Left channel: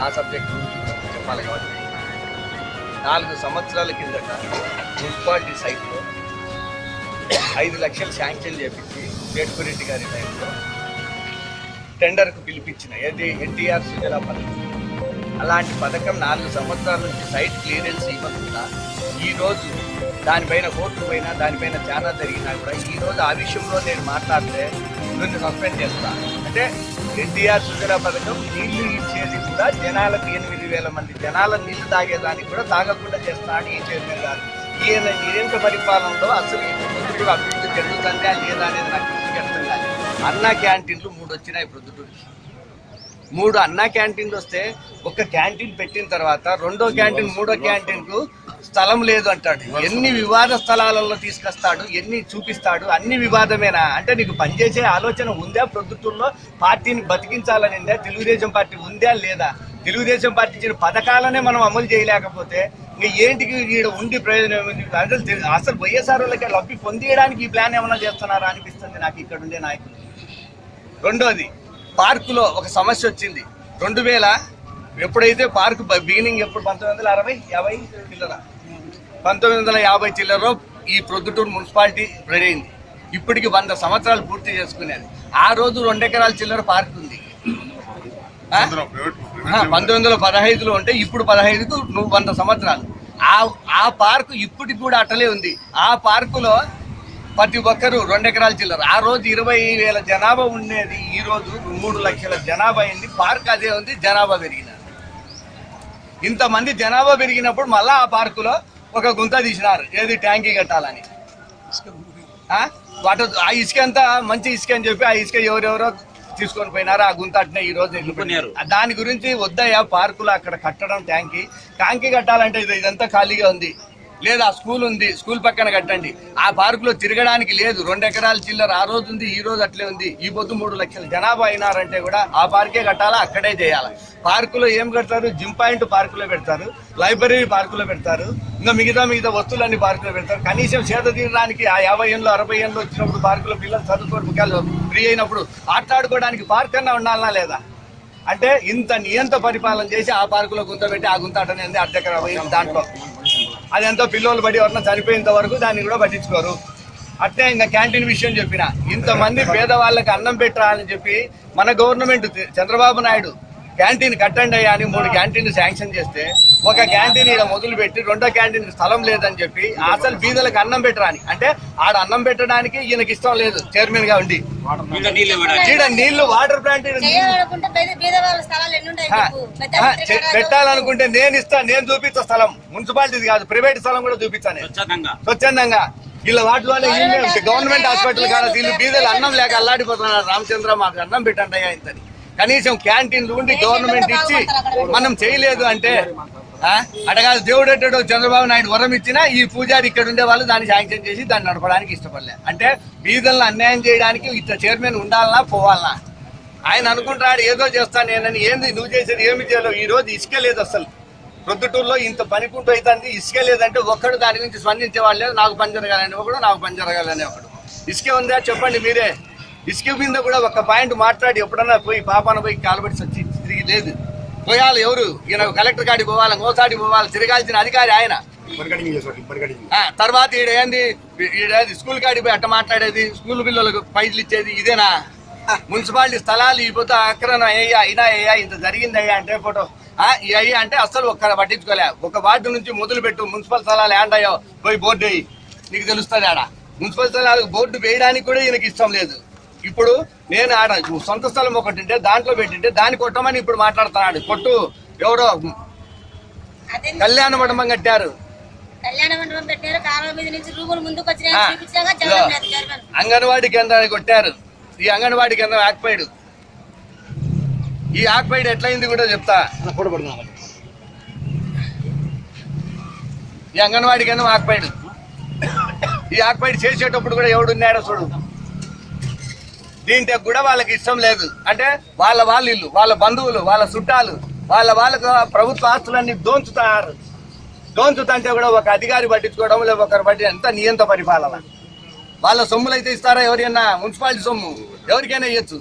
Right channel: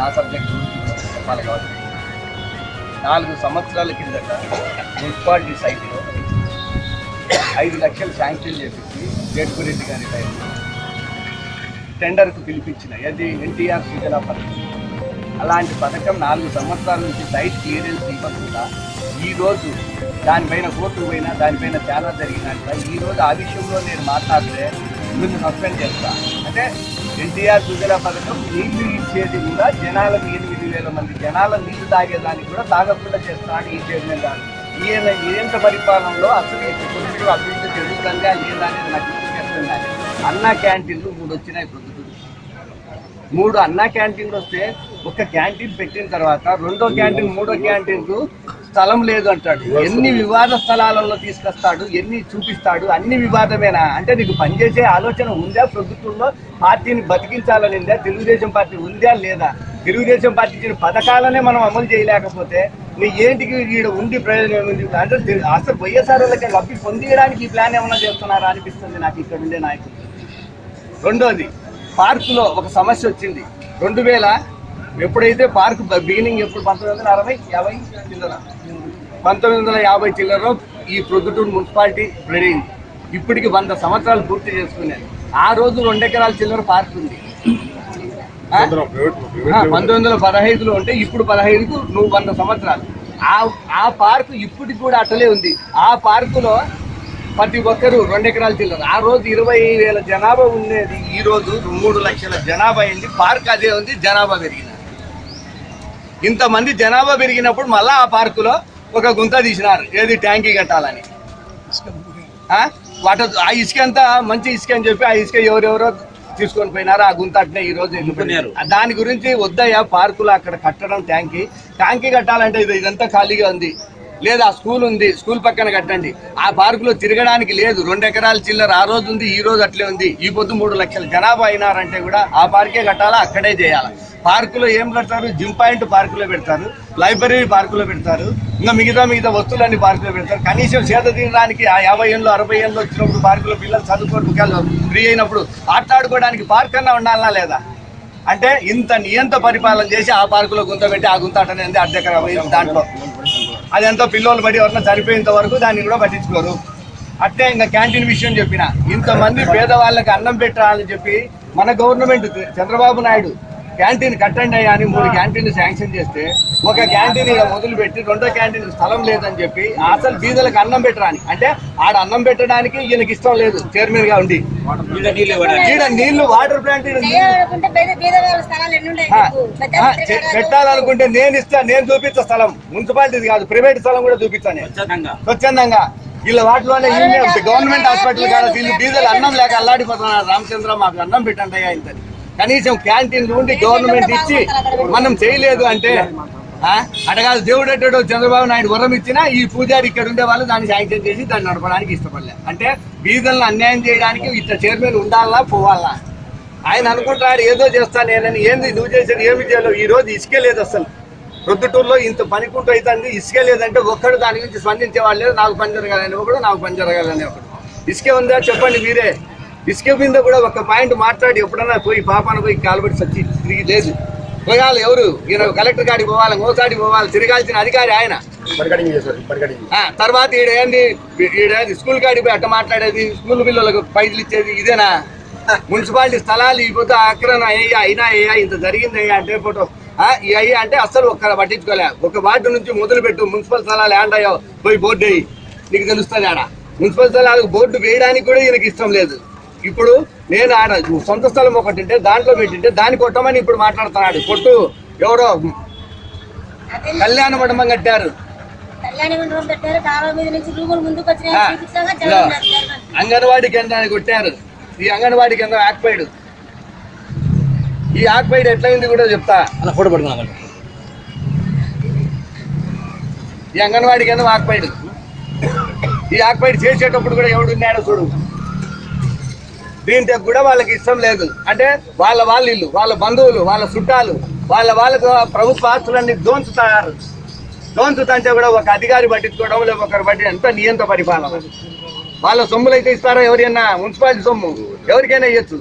నా సబ్జెక్ట్ చెప్పాలి కాబట్టి. నాలుగు సంవత్సరాల కిందట మున్సిపాలిటీ సైట్లో ఐదు లక్షలు శాంక్షన్ చేపించి జడ్పురెడ్డి గారి టైంలో టెండర్కు పిలిపించిన అది ఎన్టీఆర్ సుజలా పథకం. అలాంటి పథకం నాలుగు సంవత్సరాల నుంచి సైట్ క్లియరెన్స్ ఇవ్వకుండా ఈరోజు దానిపైన కోర్టు పోయినా దానిపైన చాలా జరిగినట్ట ఈరోజు ఆ విషయంలో నేను మాట్లాడితే ముందు సస్పెండ్ చేస్తాను అంటే ఎన్టీఆర్ సుజల పథకం నీళ్ళు ఇచ్చేది కూడా జనాలకు ఎనిమిది వేల మంది. జనాల నీళ్ళు తాగేదానికి కూడా తాగకుండా చేస్తా అని ఈ చైర్మన్ గారు. ఈయన నిరంతర పరిపాలనలో అసలు అభివృద్ధి జరుగుతుందా లేదా అనేది నాకు చెప్తుంది అన్న క్యాంటీన్లు మూడు వచ్చినాయి ఇప్పుడు మూడు అన్న క్యాంటీన్లు వస్తే ఒక క్యాంటీన్ పెట్టిన తర్వాత రెండో క్యాంటీన్ మూడో క్యాంటీన్కు స్థలం లేదు అంటాడు. ఎన్ని వివాద స్థలాలలో తీసుకొస్తాడు ఎన్ని చూపిస్తాడు అన్ని వివాదమేనా? అంటే నీకు పనిచేసే ఆలోచన ఉందా ప్రభుత్వంలో? పార్టీని బతికించాలనిందా? తెలుగుదేశం పార్టీ ఉందా లేదా? తెలుగుదేశం పార్టీ ఇచ్చిన పథకాలనే మనం అమలు చేయలేకపోతే మీ ఏంటికి ఈడ ఉండి ప్రయోజనం ఏముంది అంటే అసలు వైఎస్ఆర్ వాళ్ళకి లబ్ధి పొందియడానికి ఈ ప్లాన్ ఏమైనా చేస్తున్నారా అనిపిస్తుంది నాకు ఇక్కడ ఉండే నాయకులు. రెండోది పార్కులో ఒక సమస్య వచ్చింది. రెండు వేల ఎప్పుడైతే పార్క్ బిగినింగ్ ఎప్పుడు? పంతొమ్మిది వందల అరవై యాభై చిల్లర. పంతొమ్మిది వందల యాభై చిల్లరలో ఈ ప్రొద్దుటూరు మున్సిపాలిటీ రెడీ ఇప్పటికి వంద సంవత్సరాలు పూర్తి చేసుకునేది. ఆ రోజు రెండు ఎకరాల చిల్లర పార్క్ ఉంది. పంతొమ్మిది వందల పదహైదులో ఉంటే ఇప్పుడు పదహైదుకు నువ్వు వంద సంవత్సరాలు. ఆ ఆ పార్కు ఇప్పటికి కూడా అట్టలే ఉంది. ఆ పార్కులో ప్రతి ఒక్కరు రెండు ఎకరాల చిల్లర. ఆ రోజు ఇరవై వేల జనాభా ఉండేది. ఈ రోజు మూడు లక్షల జనాభా అయింది. పార్క్ అదే ఉంది జనాభా పెరిగిన. ఇంతమంది జనాభా పెరిగినప్పుడు మళ్ళా ఆ పార్కులో ఒక గుంత తీసినారు. ఏది ట్యాంకీ కట్టాలని. ఆ? వాట ఆ ఇసుక అంతా మంచి ఇసుక అని చెప్పి ఆ ఇసుక ఎవరెవరో తీసుకొని పోయినారు. ఆ గుంత అట్నే ఈ రోజు వెళ్ళిపోయినారు దాని గురించి వద్దయ్యా పార్కులు అక్కడ కట్టడం ట్యాంకీ. ట్యాంకీ కట్టాలంటే ఇది ఇదంతా ఖాళీగా ఉంది. లేదా స్కూల్ ఉంది. స్కూల్ పక్కన కట్టండి. ఆ పార్కులో తిరగడానికి లేదు. రెండు ఎకరాల చిల్లర ఆ రోజు ఉంది ఈ రోజు అట్లే ఉంది. ఈ పొద్దు మూడు లక్షల జనాభా అయినారంటే కూడా ఆ పార్కే కట్టాలా? అక్కడే చేయాలి? పార్కులో ఏం కడతారు? జిమ్ పాయింట్ పార్కులో పెడతారు. లైబ్రరీ పార్కులో పెడతారు. ఇంకా మిగతా మిగతా వస్తువులన్నీ పార్కులో పెడతారు. కనీసం చేత తీరడానికి ఆ యాభై ఏళ్ళు అరవై ఏళ్ళు వచ్చినప్పుడు పార్కులో పిల్లలు చదువుకోవడం ఫ్రీ అయినప్పుడు ఆటలాడుకోవడానికి పార్క్ అన్నా ఉండాలనా లేదా? అంటే ఇంత నియంత పరిపాలన చేసి ఆ పార్కులో గుంత పెట్టి ఆ గుంత అటనే అర్ధకర దాంట్లో. అది ఎంతో పిల్లలు పడి ఎవరన్నా చనిపోయేంత వరకు దాన్ని కూడా పట్టించుకోరు. అట్నే ఇంకా క్యాంటీన్ విషయం చెప్పిన. ఇంతమంది పేదవాళ్ళకి అన్నం పెట్టాలని చెప్పి మన గవర్నమెంట్ చంద్రబాబు నాయుడు క్యాంటీన్ కట్టండి అయ్యా అని మూడు క్యాంటీన్లు శాంక్షన్ చేస్తే ఒక క్యాంటీన్ ఇక్కడ మొదలుపెట్టి రెండో క్యాంటీన్ స్థలం లేదని చెప్పి అసలు బీదలకు అన్నం పెట్టరాని. అంటే ఆడ అన్నం పెట్టడానికి ఈయనకి ఇష్టం లేదు చైర్మన్గా ఉండి. ఈడ నీళ్ళు వాటర్ ప్లాంట్. పెట్టాలనుకుంటే నేను ఇస్తా నేను చూపిస్తా స్థలం. మున్సిపాలిటీది కాదు ప్రైవేట్ స్థలం కూడా చూపిస్తాను నేను. స్వచ్ఛందంగా. వీళ్ళ వాటిలోనే గవర్నమెంట్ గవర్నమెంట్ హాస్పిటల్ కాదు బీదలు వీళ్ళు బీదలు అన్నం లేక అల్లాడిపోతున్నారు. రామచంద్ర మాకు అన్నం పెట్టండి అయ్యా ఇంతని కనీసం క్యాంటీన్లు ఉండి గవర్నమెంట్ ఇచ్చి మనం చేయలేదు అంటే అడగాలి దేవుడు అంటాడు చంద్రబాబు నాయుడు వరం ఇచ్చినా ఈ పూజారి ఇక్కడ ఉండే వాళ్ళు దాన్ని శాంక్షన్ చేసి దాన్ని నడపడానికి ఇష్టపడలే. అంటే బీదలను అన్యాయం చేయడానికి ఇట్లా చైర్మన్ ఉండాలా పోవాలా? ఆయన అనుకుంటాడు ఏదో చేస్తాను నేనని. ఏంది నువ్వు చేసేది ఏమి చేయాలో ఈ రోజు ఇసుకే లేదు అసలు. ప్రొద్దుటూరులో ఇంత పనికుంటూ అవుతుంది ఇసుకే లేదంటే ఒక్కడు దాని గురించి స్పందించే వాళ్ళు లేదు నాకు పని జరగాలని ఒకడు నాకు పని జరగాలని ఒకడు. ఇసుకే ఉందా? చెప్పండి మీరే. ఇసుక మీద కూడా ఒక పాయింట్ మాట్లాడి ఎప్పుడన్నా పోయి పాపాన పోయి కాలుబడి సచ్చి తిరిగి లేదు. పోయాలి ఎవరు? ఈయన కలెక్టర్ కాడికి పోవాలి మోసాడికి పోవాలి తిరగాల్సిన అధికారి ఆయన. తర్వాత ఈడ ఏంది? ఈడ ఏంది స్కూల్ కాడికి పోయి అట్ట మాట్లాడేది? స్కూల్ పిల్లలకు పైసలు ఇచ్చేది? ఇదేనా? మున్సిపాలిటీ స్థలాలు ఇపోతే అక్రమ అయ్యా అయినా అయ్యా ఇంత జరిగింది అయ్యా అంటే ఫోటో. ఆ, ఈ అయ్యా అంటే అస్సలు ఒక్క పట్టించుకోలే. ఒక వార్డు నుంచి మొదలు పెట్టు మున్సిపల్ స్థలాలు ఏంటయ్యో పోయి బోర్డు వేయి. నీకు తెలుస్తుంది ఆడ. మున్సిపల్ స్థలాలకు బోర్డు వేయడానికి కూడా ఈయనకి ఇష్టం లేదు. ఇప్పుడు నేను ఆడ సొంత స్థలం ఒకటి ఉంటే దాంట్లో పెట్టింటే దాన్ని కొట్టమని ఇప్పుడు మాట్లాడుతున్నాడు. కొట్టు. ఎవరో కళ్యాణ మండపం కట్టారు. అంగన్వాడీ కేంద్రాన్ని కొట్టారు. ఈ అంగన్వాడీ కేంద్రం ఆక్పైడ్ ఈ ఆక్పైడ్ ఎట్లయింది కూడా చెప్తా. ఫోటో పడుకున్నా ఈ అంగన్వాడీ కేంద్రం ఆక్పైడ్ ఈ ఆక్పైడ్ చేసేటప్పుడు కూడా ఎవడు ఉన్నాడో చూడు. దీంతో కూడా వాళ్ళకి ఇష్టం లేదు. అంటే వాళ్ళ వాళ్ళ ఇల్లు వాళ్ళ బంధువులు వాళ్ళ చుట్టాలు వాళ్ళ వాళ్ళకు ప్రభుత్వ ఆస్తులన్నీ దోంచుతారు. దోంచుతంటే కూడా ఒక అధికారి పట్టించుకోవడం లేదు ఒకరు పట్టి ఎంత నియంత పరిపాలన. వాళ్ళ సొమ్ములు అయితే ఇస్తారా ఎవరైనా మున్సిపాలిటీ సొమ్ము. ఎవరికైనా ఇవ్వచ్చు